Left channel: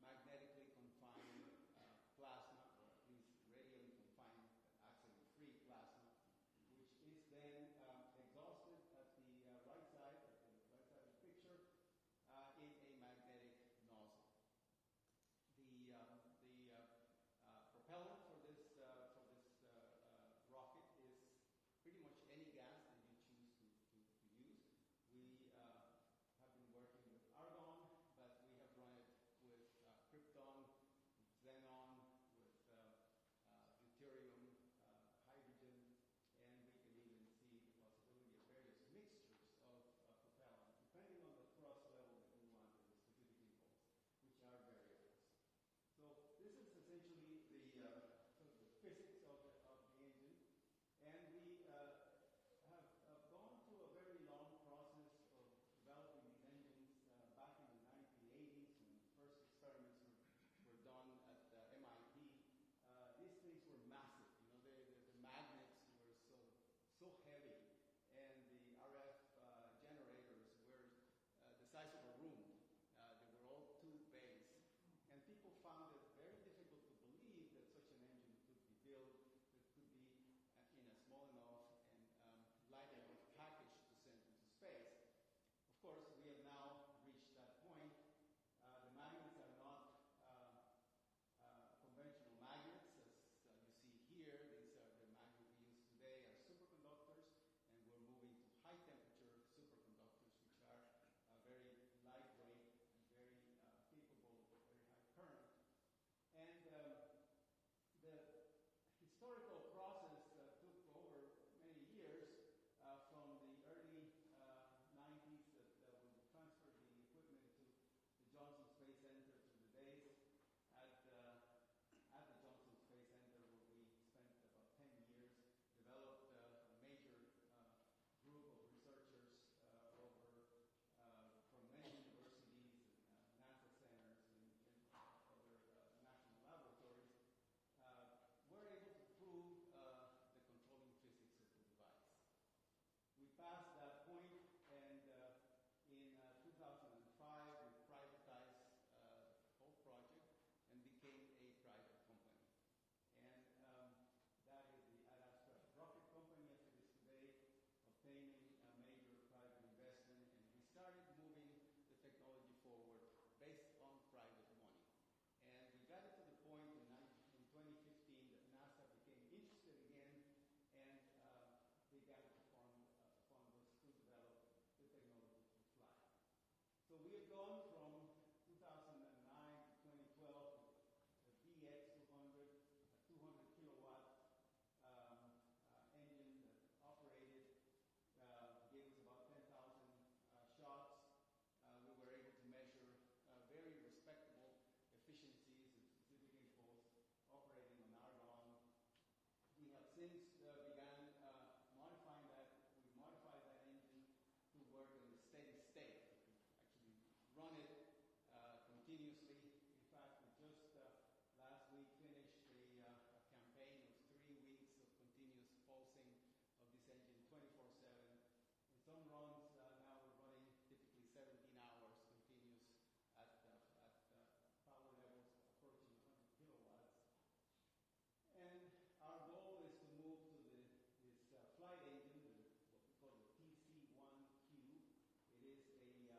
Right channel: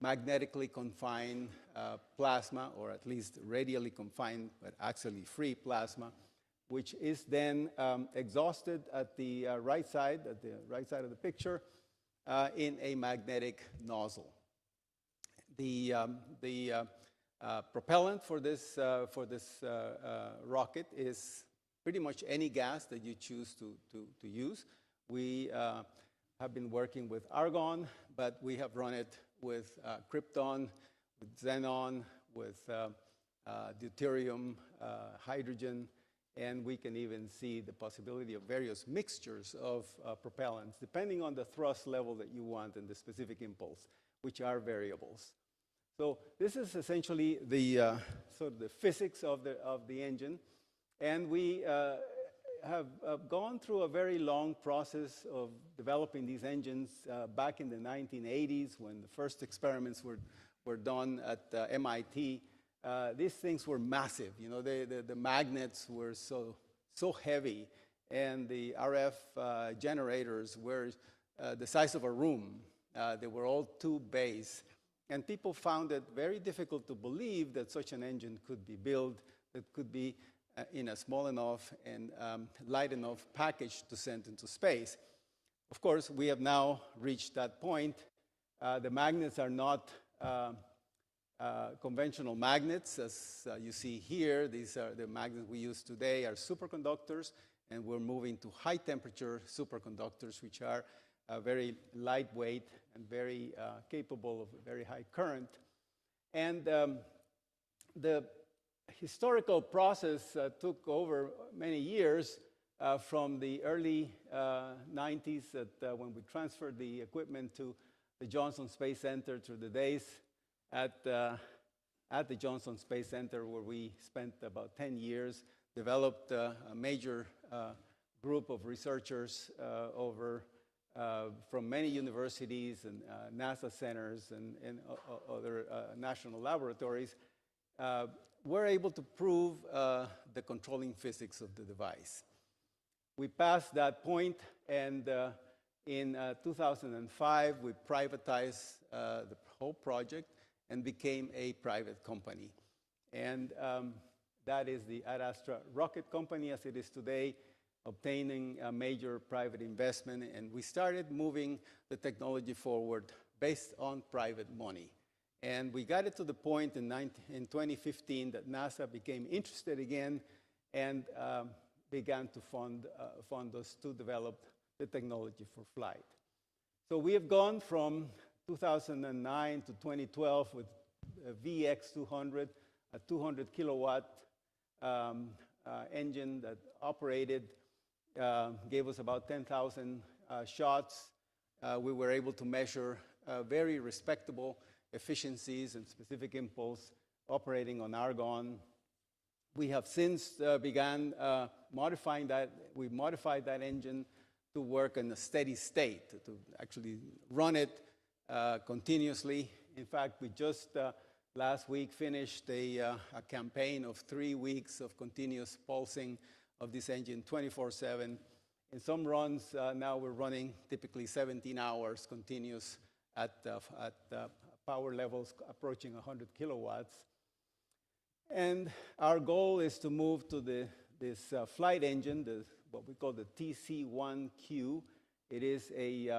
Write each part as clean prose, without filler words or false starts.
magnetically confined plasma, or at least radially confined, but actually free plasma, which is then exhausted at the right side of the picture, in a magnetic nozzle. The propellant for this rocket is pretty much any gas that you choose to use. We have been working with argon, but we have run it with krypton, with xenon, with deuterium, hydrogen, and we can even see the possibility of various mixtures of propellants, depending on the thrust level that you want and the specific impulse, which are variables. So this is essentially the sort of the physics of the engine, and we have gone through a very long process of developing these engines back in the 1980s, when the first experiments were done at MIT. These things were massive. You know, the magnets were so heavy, and the RF generators were the size of a room. They were all tube-based, and people found it very difficult to believe that such an engine could be built, that could be in a small enough and light enough package to send into space. Of course, we have now reached that point. The magnets are not conventional magnets, as you see here. These are the magnets we use today are superconductors, and we're moving to high-temperature superconductors, which are very lightweight and very capable of very high current. And the historical process took over many years from the early 90s, when we transferred the equipment to the Johnson Space Center, to the days at the Johnson Space Center, where we spent about 10 years, developed a major group of researchers from many universities and NASA centers and other national laboratories. We're able to prove the controlling physics of the device. We passed that point, and in 2005, we privatized the whole project and became a private company. And that is the Ad Astra Rocket Company, as it is today, obtaining a major private investment, and we started moving the technology forward based on private money. And we got it to the point in 2015 that NASA became interested again and began to fund us to develop the technology for flight. So we have gone from 2009 to 2012 with a VX200, a 200 kilowatt engine that operated, gave us about 10,000 shots. We were able to measure very respectable efficiencies and specific impulse operating on argon. We have since began modifying that. We modified that engine to work in a steady state, to actually run it continuously. In fact, we just last week finished a campaign of 3 weeks of continuous pulsing of this engine 24/7. In some runs, now we're running typically 17 hours continuous at power levels approaching 100 kilowatts. And our goal is to move to this flight engine, what we call the TC1Q. It is a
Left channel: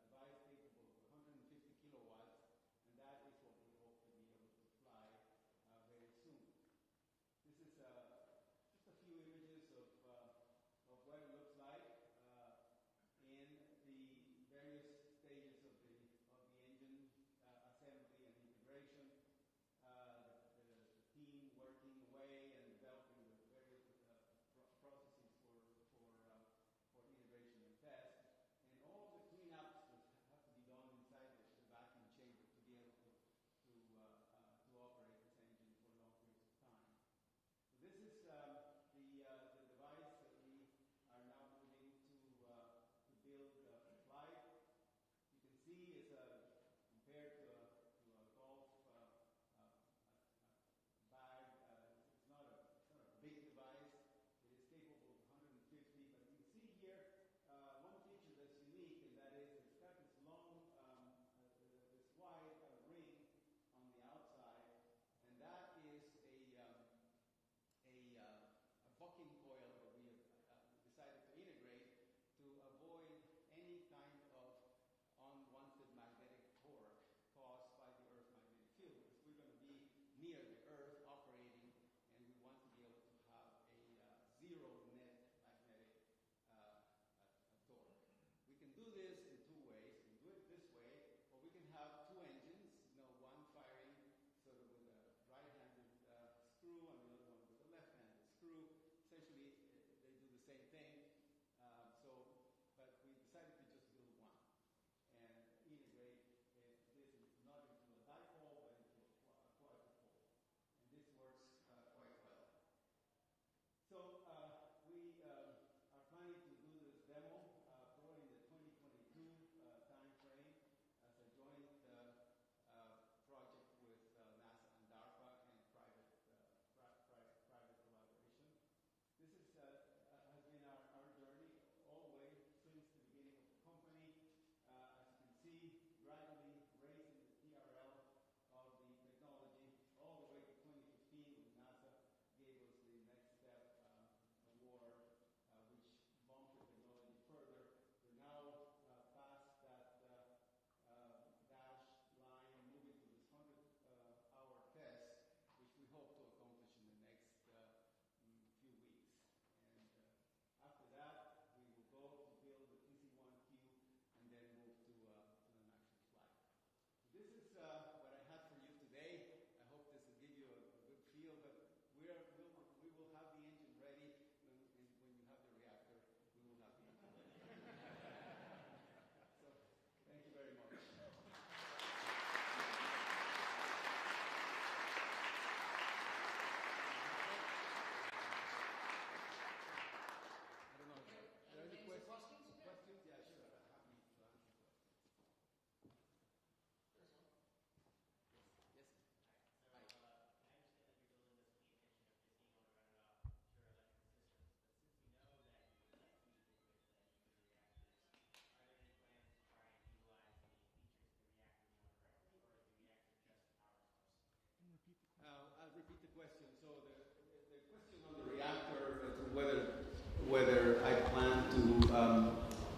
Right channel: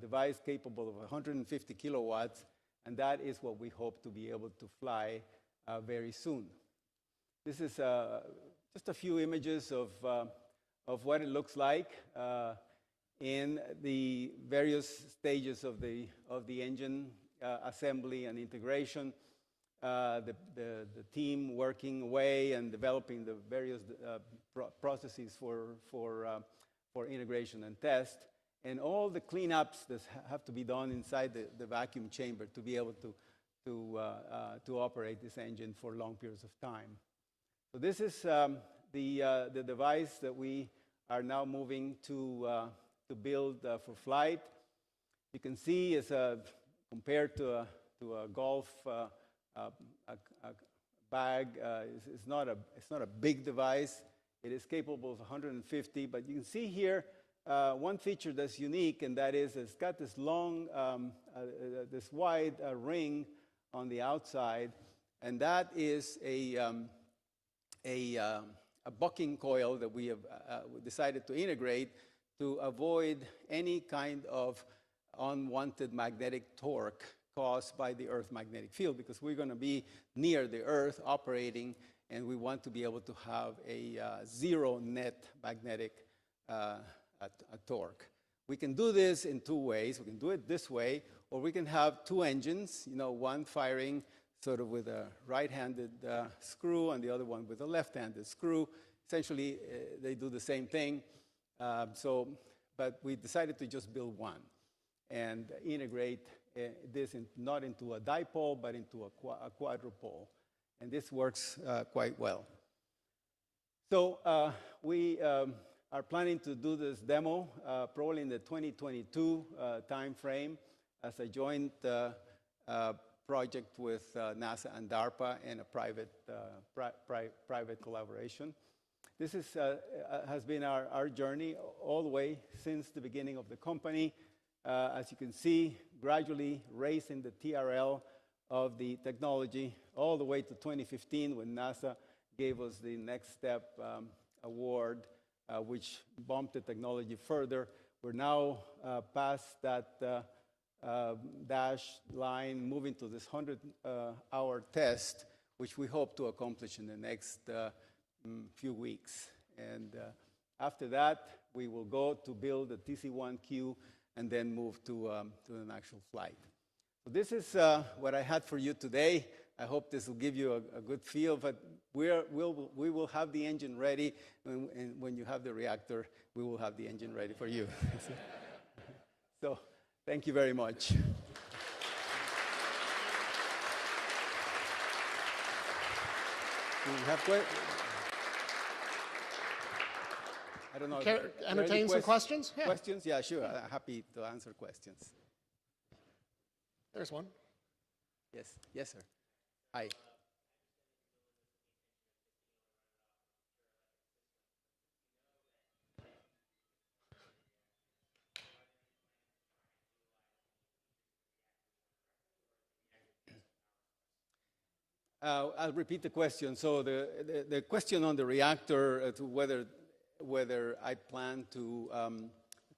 device capable of 150 kilowatts, and that is what we hope to be able to fly very soon. This is just a few images of what it looks like in the various stages of the engine assembly and integration. The team working away and developing the various processes for integration and test, and all the cleanups that have to be done inside the vacuum chamber to be able to operate this engine for long periods of time. So this is the device that we are now moving to build for flight. You can see it's compared to a golf bag. It's not a big device. It is capable of 150, but you can see here one feature that's unique, and that is it's got this long, this wide ring on the outside, and that is a bucking coil that we have decided to integrate to avoid any kind of unwanted magnetic torque caused by the Earth magnetic field, because we're going to be near the Earth operating, and we want to be able to have a zero net magnetic torque. We can do this in two ways. We can do it this way, or we can have two engines, one firing sort of with a right-handed screw and the other one with a left-handed screw. Essentially, they do the same thing. But we decided to just build one and integrate this not into a dipole, but into a quadrupole. And this works quite well. So we are planning to do this demo probably in the 2022 time frame as a joint project with NASA and DARPA and a private collaboration. This has been our journey all the way since the beginning of the company. As you can see, gradually raising the TRL of the technology all the way to 2015 when NASA gave us the Next Step award, which bumped the technology further. We're now past that dash line, moving to this 100-hour test, which we hope to accomplish in the next few weeks. And after that, we will go to build the TC1Q and then move to an actual flight. So this is what I had for you today. I hope this will give you a good feel, but we will have the engine ready, and when you have the reactor, we will have the engine ready for you. So thank you very much. I don't know. Entertain some questions? Yeah. Questions? Yeah, sure. I'm happy to answer questions. There's one. Yes. Yes, sir. Hi. I'll repeat the question. So the question on the reactor, whether I plan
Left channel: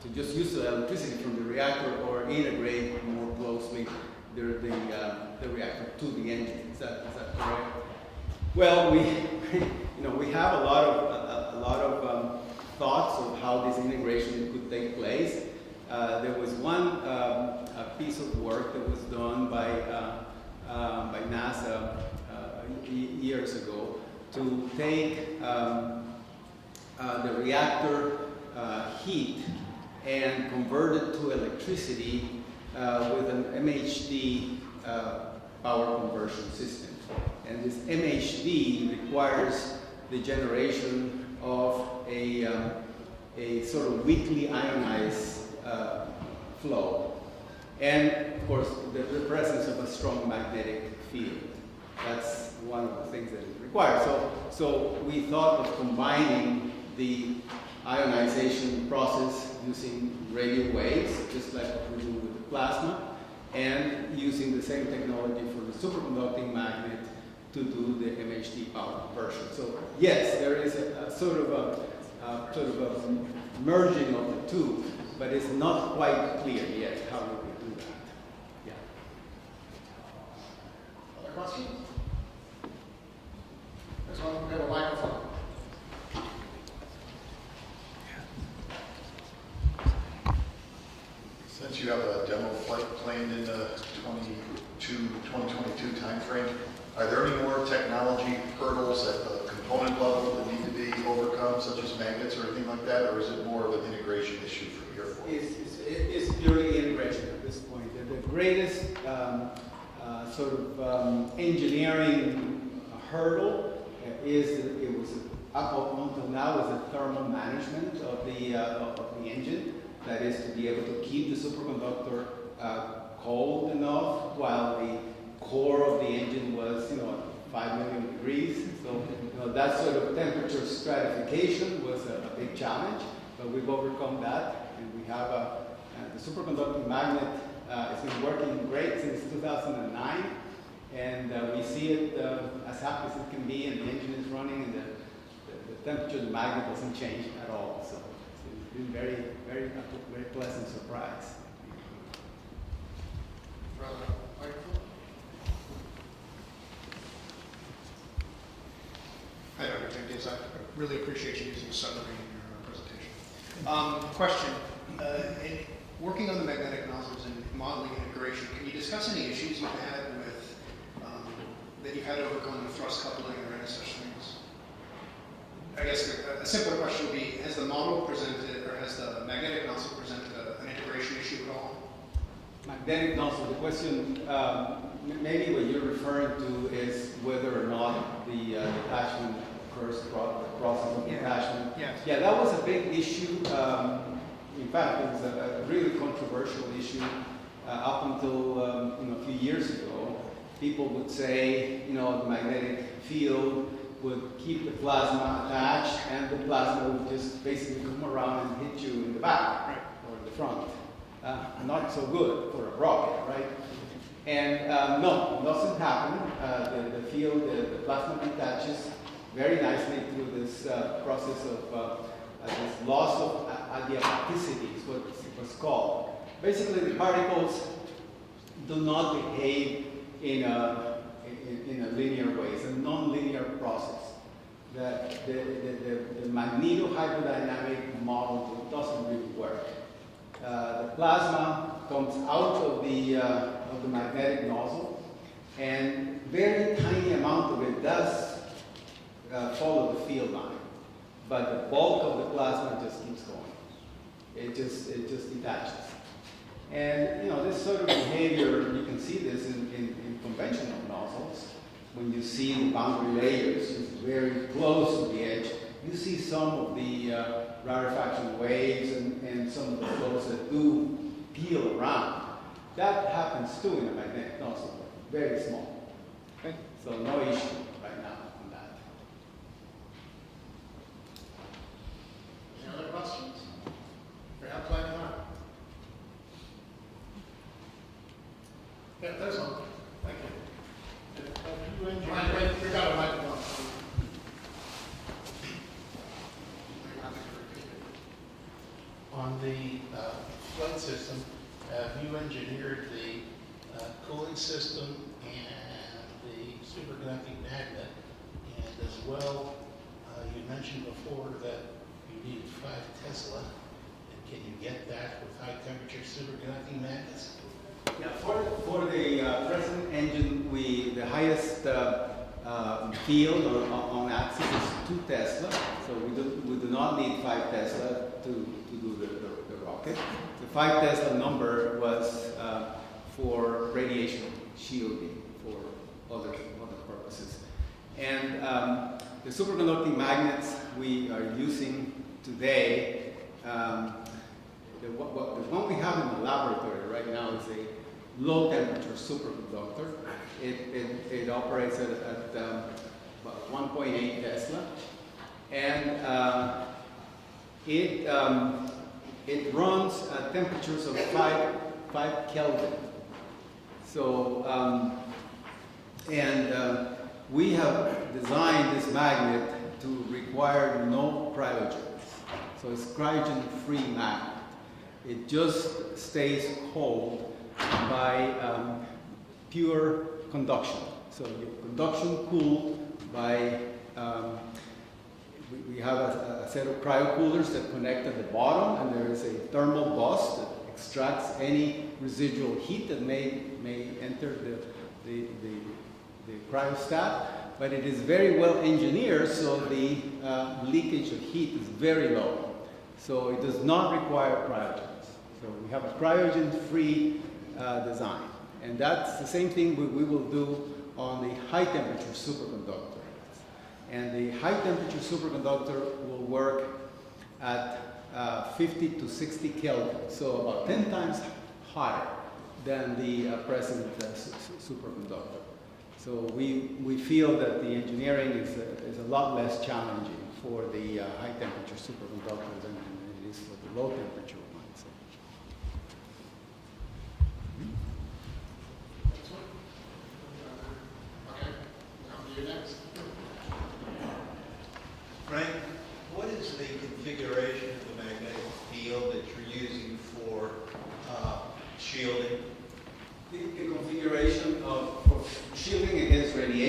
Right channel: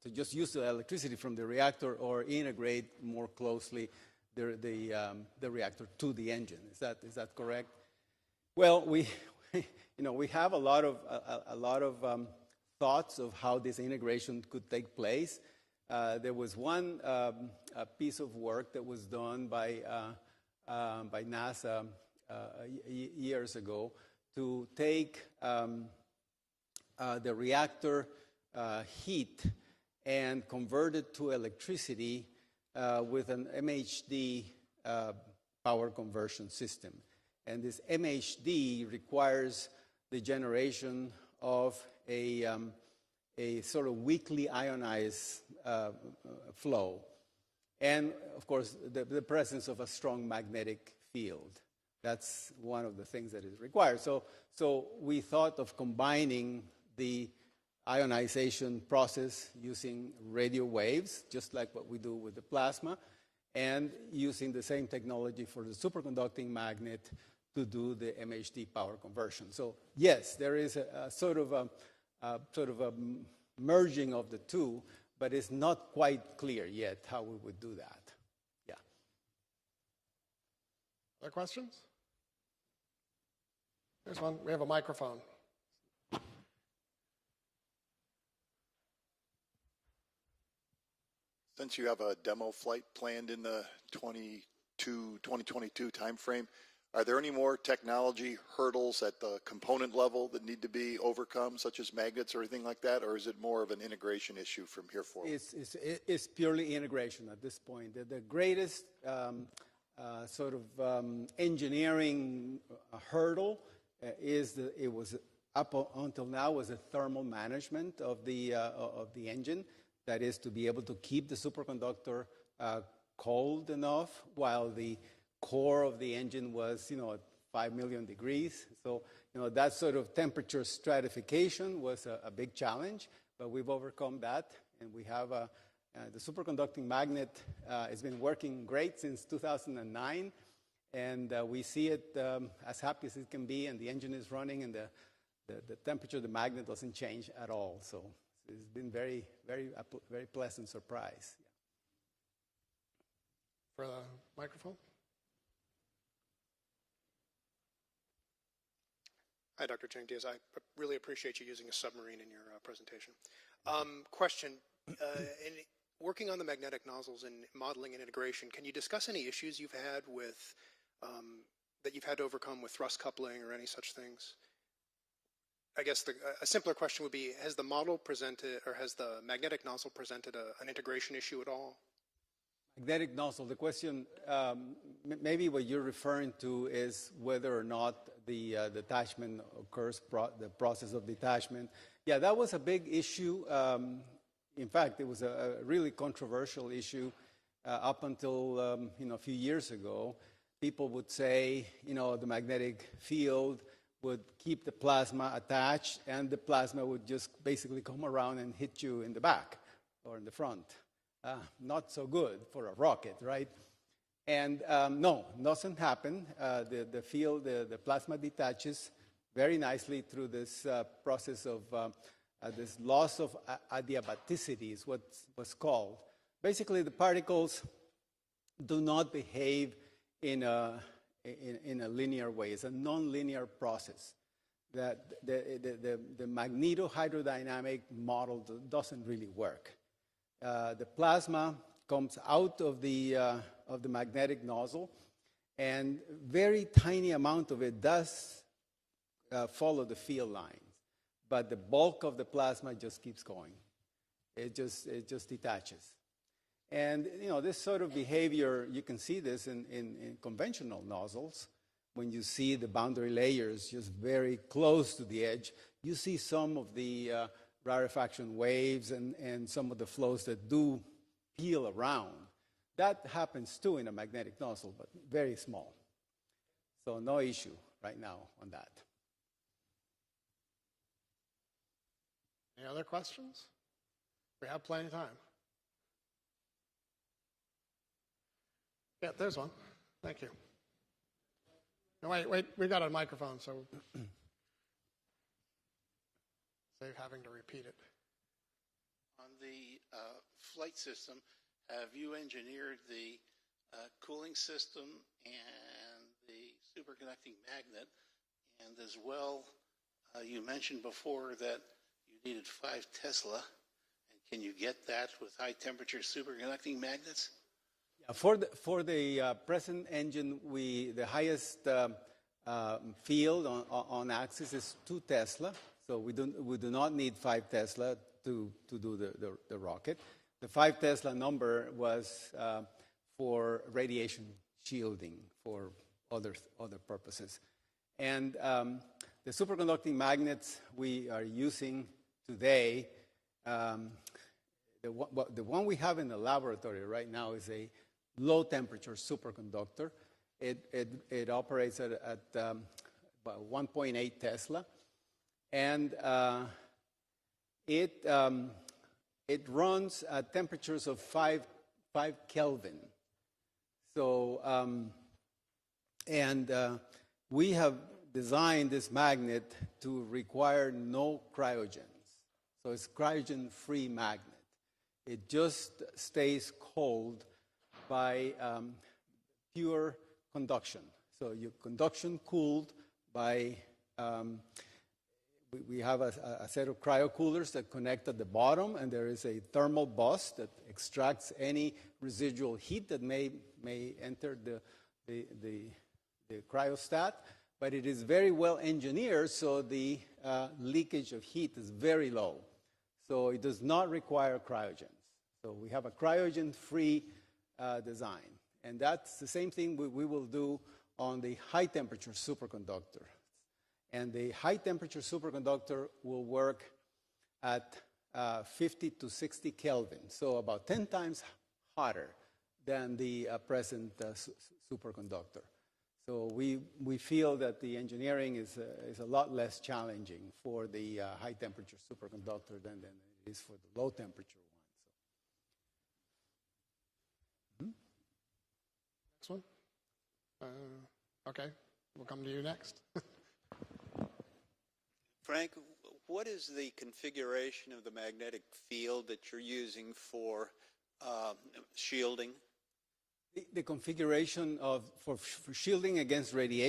to just use the electricity from the reactor or integrate more closely the reactor to the engine. Is that correct? Well, we have a lot of thoughts of how this integration could take place. There was one piece of work that was done by NASA years ago to take the reactor heat and convert it to electricity with an MHD power conversion system. And this MHD requires the generation of a sort of weakly ionized flow. And, of course, the presence of a strong magnetic field. That's one of the things that is required. So we thought of combining the ionization process using radio waves, just like what we do with the plasma, and using the same technology for the superconducting magnet to do the MHD power conversion. So yes, there is a sort of a merging of the two, but it's not quite clear yet how we will do that. Yeah. Other questions? There's one. We have a microphone. Since you have a demo flight planned in the 2022 timeframe, are there any more technology hurdles at the component level that need to be overcome, such as magnets or anything like that, or is it more of an integration issue for Air Force? It's purely integration at this point. The greatest engineering hurdle is it was up until now was the thermal management of the engine. That is to be able to keep the superconductor cold enough while the core of the engine was, 5 million degrees. So, that sort of temperature stratification was a big challenge, but we've overcome that. And we have the superconducting magnet has been working great since 2009, and we see it as happy as it can be, and the engine is running, and the temperature of the magnet doesn't change at all. So it's been very pleasant surprise. Microphone? Hi, Dr. Jenkins. I really appreciate you using a submarine in your presentation. Question. In working on the magnetic nozzles and modeling and integration, can you discuss any issues you've had with, that you've had to overcome with thrust coupling or any such things? I guess a simpler question would be, has the model presented, or has the magnetic nozzle presented an integration issue at all? Magnetic nozzle, the question, maybe what you're referring to is whether or not the detachment occurs, the process of detachment. Yes. Yeah, that was a big issue. In fact, it was a really controversial issue up until a few years ago. People would say, the magnetic field would keep the plasma attached, and the plasma would just basically come around and hit you in the back or the front. Not so good for a rocket, right? And no, it doesn't happen. The field, the plasma detaches very nicely through this process of this loss of adiabaticity is what it's called. Basically, the particles do not behave in a linear way. It's a non-linear process. The magnetohydrodynamic model doesn't really work. The plasma comes out of the magnetic nozzle, and very tiny amount of it does follow the field line, but the bulk of the plasma just keeps going. It just detaches. And this sort of behavior, you can see this in conventional nozzles. When you see the boundary layers just very close to the edge, you see some of the rarefaction waves and some of the flows that do peel around. That happens too in a magnetic nozzle, but very small. Okay? So no issue right now on that. Any other questions? We have plenty of time. Yeah, there's one. Thank you. You got a microphone. You're happy to repeat it. On the flight system, have you engineered the cooling system and the superconducting magnet? And as well, you mentioned before that you needed 5 Tesla. And can you get that with high temperature superconducting magnets? Yeah, for the present engine, the highest field on axis is 2 Tesla. So we do not need 5 Tesla to do the rocket. The 5 Tesla number was for radiation shielding for other purposes. And the superconducting magnets we are using today, the one we have in the laboratory right now is a low temperature superconductor. It operates at about 1.8 Tesla, and it runs at temperatures of 5 Kelvin. So, we have designed this magnet to require no cryogens. So it's cryogen-free magnet. It just stays cold by pure conduction. So your conduction cooled by, we have a set of cryocoolers that connect at the bottom, and there is a thermal bus that extracts any residual heat that may enter the cryostat, but it is very well engineered so the leakage of heat is very low. So it does not require cryogens. So we have a cryogen-free design. And that's the same thing we will do on the high temperature superconductor. And the high temperature superconductor will work at 50 to 60 Kelvin, so about 10 times hotter than the present superconductor. So we feel that the engineering is a lot less challenging for the high temperature superconductor than it is for the low temperature ones.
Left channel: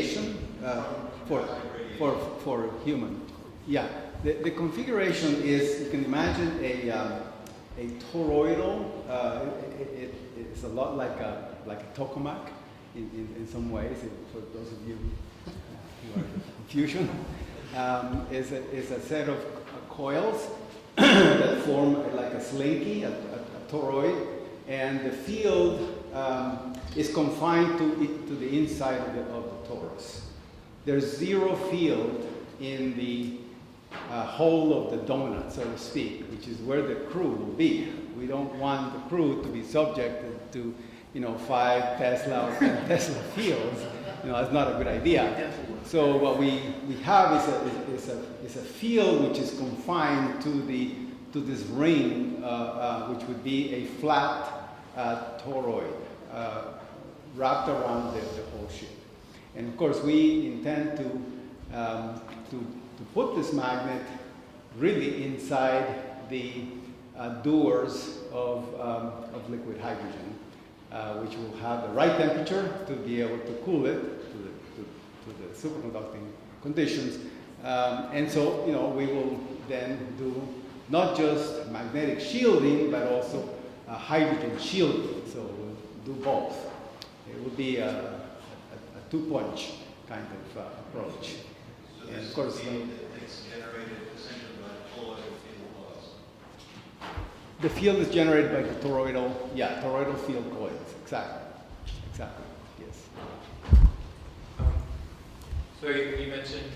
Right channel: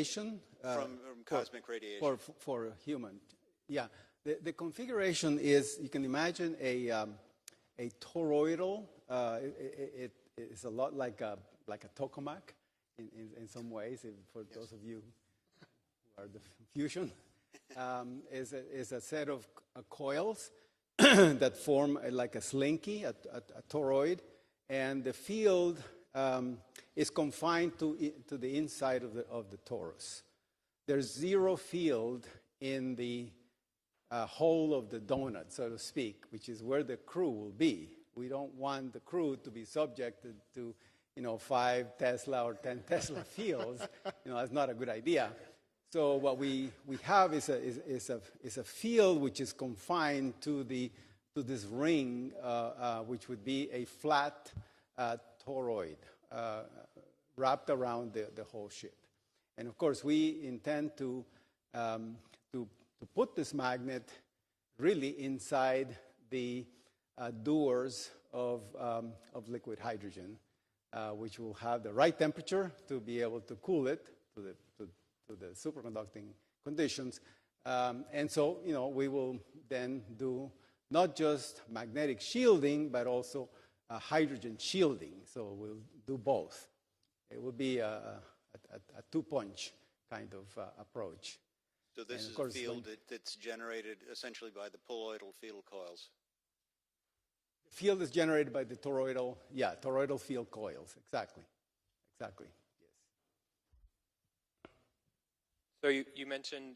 radiation for human. Yeah, the configuration is, you can imagine a toroidal. It's a lot like a tokamak in some ways. For those of you who are in fusion, is a set of coils that form like a slinky, a toroid, and the field is confined to the inside of the torus. There's zero field in the hole of the donut, so to speak, which is where the crew will be. We don't want the crew to be subjected to, 5 Tesla or 10 Tesla fields. That's not a good idea. So what we have is a field which is confined to this ring, which would be a flat toroid wrapped around the whole ship. And of course, we intend to put this magnet really inside the doors of liquid hydrogen, which will have the right temperature to be able to cool it to the superconducting conditions. And so, we will then do not just magnetic shielding, but also hydrogen shielding. So we'll do both. It will be a two-punch kind of approach. So this is the field that's generated essentially by the colloidal field laws. The field is generated by the toroidal field coils. Exactly, yes. So you mentioned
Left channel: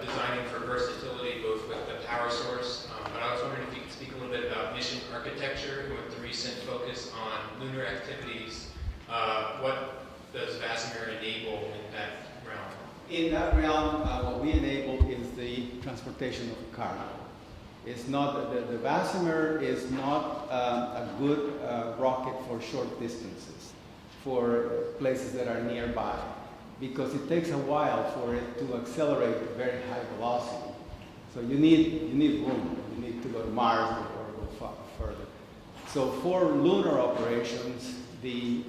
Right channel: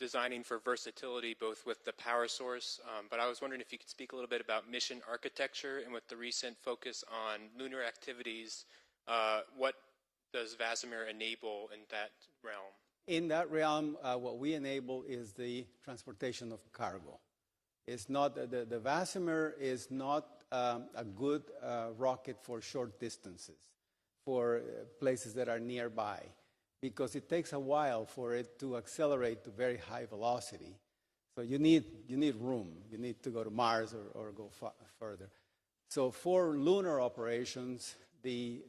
designing for versatility both with the power source, but I was wondering if you could speak a little bit about mission architecture and with the recent focus on lunar activities. What does VASIMR enable in that realm? In that realm, what we enable is the transportation of cargo. It's not the VASIMR is not a good rocket for short distances, for places that are nearby, because it takes a while for it to accelerate at very high velocity. So you need room. You need to go to Mars or go further. So for lunar operations, the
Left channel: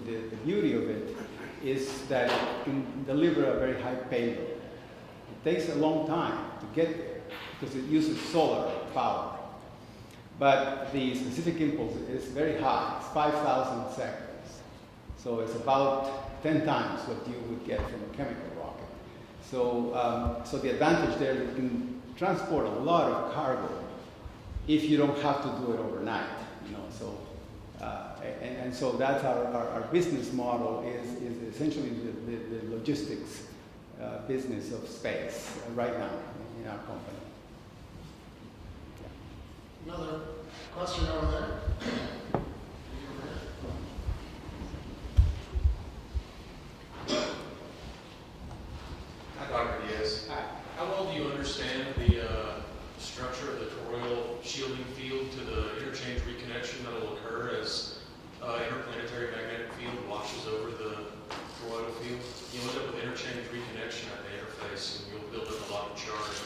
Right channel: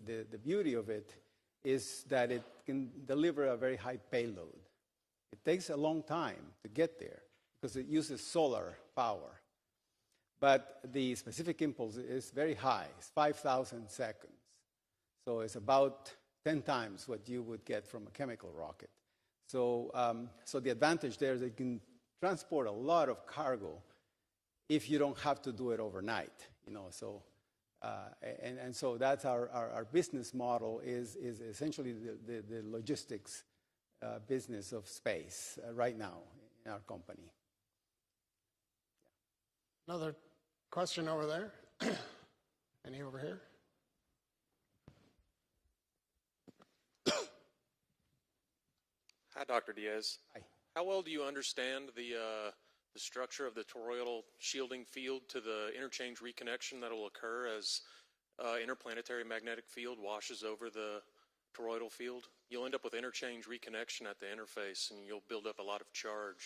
beauty of it is that it can deliver a very high payload. It takes a long time to get there because it uses solar power. But the specific impulse is very high. It's 5,000 seconds. So it's about 10 times what you would get from a chemical rocket. So the advantage there is you can transport a lot of cargo if you don't have to do it overnight. And so that's our business model is essentially the logistics business of space right now in our company. Another question over there. Any over here? Hi, Dr. Diaz. How well do you understand the structure of the toroidal shielding field to the interchange reconnection that will occur as interplanetary magnetic field washes over the toroidal field? You'll end up with interchange reconnection at the interface, and you'll build up a lot of charge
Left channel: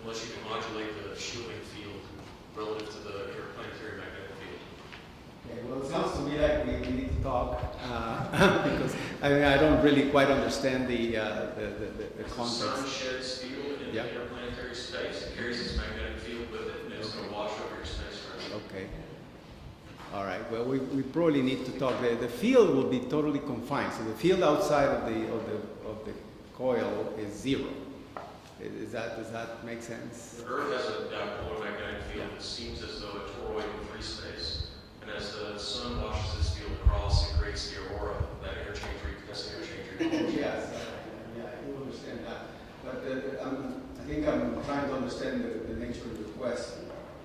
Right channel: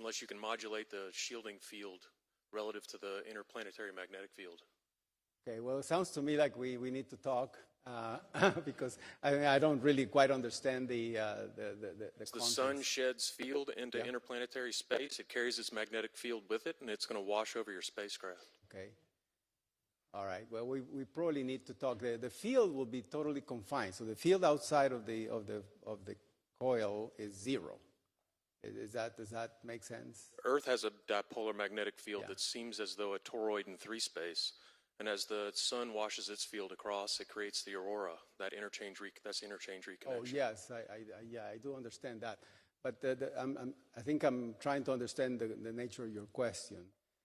unless you can modulate the shielding field relative to the interplanetary magnetic field. Okay, well, it sounds to me like we need to talk because I don't really quite understand the As the context. sun sheds field into interplanetary space, it carries its magnetic field with it, and it's going to wash over your spacecraft. Okay. All right. Well, we probably need to talk. The field will be totally confined. So the field outside of the coil is zero. Does that make sense? The Earth has a dipolar magnetic field that seems as though a toroid in free space, and as the sun washes its field across, it creates the aurora, that interchange reconnection. Yes. Yeah, I do understand that. But I think I'm trying to understand the nature of the question.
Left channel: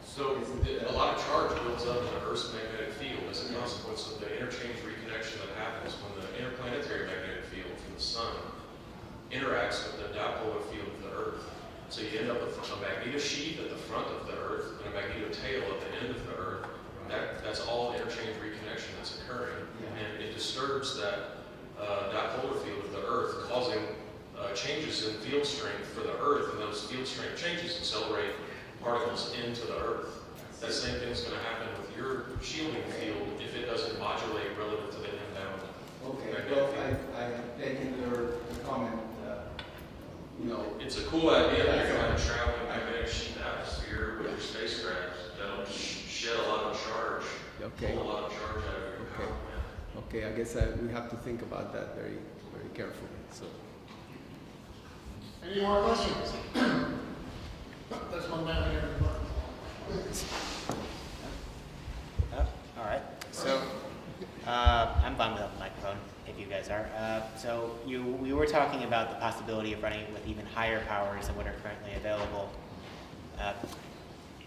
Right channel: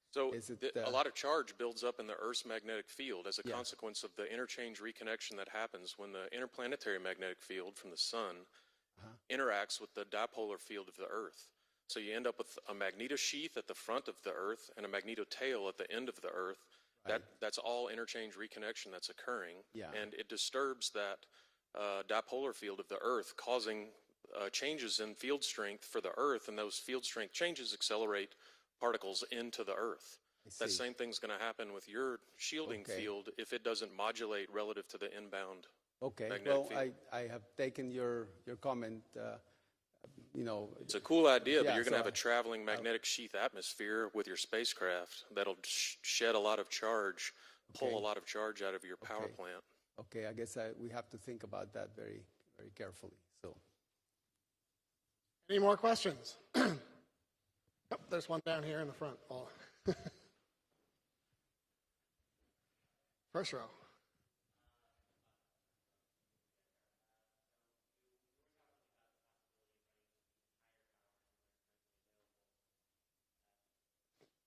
So a lot of charge builds up in the Earth's magnetic field as a consequence of the interchange reconnection that happens when the interplanetary magnetic field from the sun interacts with the dipolar field of the Earth. So you end up with a magnetosheath at the front of the Earth and a magnetotail at the end of the Earth. That's all interchange reconnection that's occurring. And it disturbs that dipolar field of the Earth, causing changes in field strength for the Earth, and those field strength changes accelerate particles into the Earth. That same thing's going to happen with your shielding field if it doesn't modulate relative to the inbound. Okay. magnetic Well, field. I have taken your comment a cool idea that you're going to travel in magnetic sheath atmosphere with your spacecraft. That'll shed a lot of charge, Okay. pull a lot of charge out of your power plant. Okay, I guess we have to think about that very, very carefully. So, Any more questions? Oh, there's one down here in the front. Oh, all right. So, I'm fine without the microphone, if you guys are. So, we were talking about the possibility of running it with even higher powers than what are currently available.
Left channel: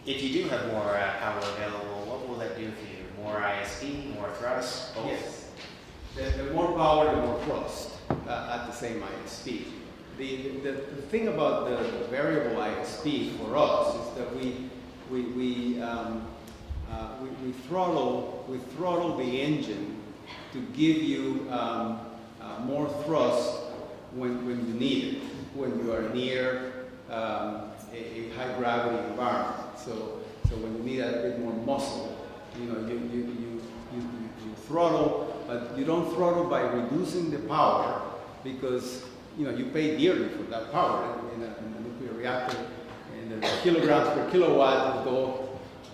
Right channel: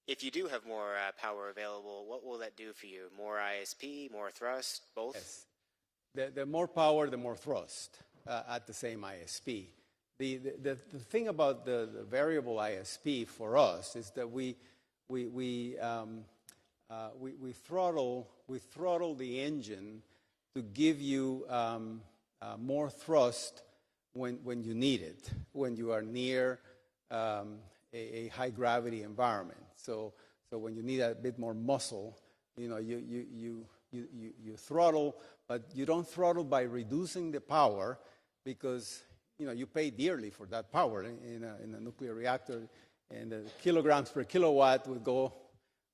If you do have more power available, what will that do for you? More ISP, more thrust, both? yes, the more power, the more thrust at the same ISP. The thing about the variable ISP for us is that we throttle the engine to give you more thrust when you need it, when you are near a high gravity environment. So when you need a bit more muscle, you throttle, but you don't throttle by reducing the power, because you pay dearly for that power in a nuclear reactor, and the kilograms per kilowatt will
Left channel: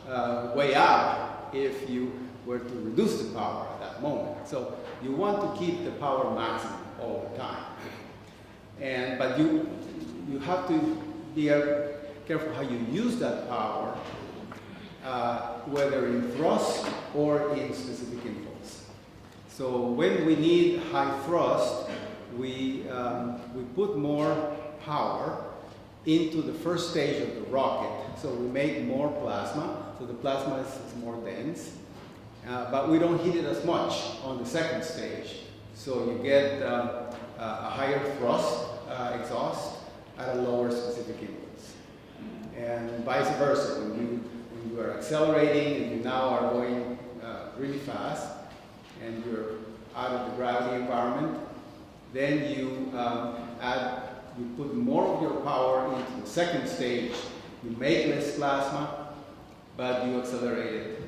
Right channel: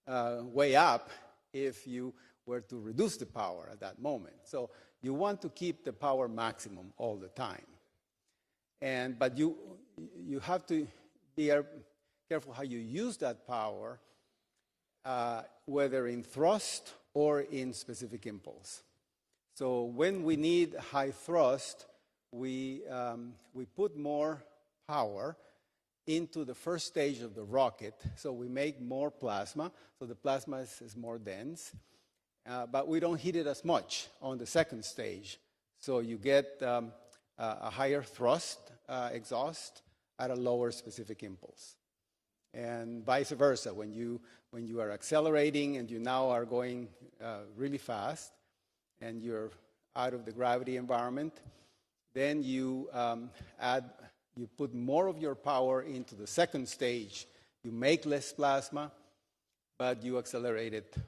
go way up if you were to reduce the power at that moment. So you want to keep the power maximum all the time, but you have to be careful how you use that power, whether in thrust or in specific impulse. So when we need high thrust, we put more power into the first stage of the rocket. So we make more plasma, so the plasma is more dense, but we don't heat it as much on the second stage. So you get a higher thrust exhaust at a lower specific impulse. And vice versa, when you are accelerating and you now are going really fast and you're out of the gravity environment, then you put more of your power into the second stage. You make less plasma, but you accelerate it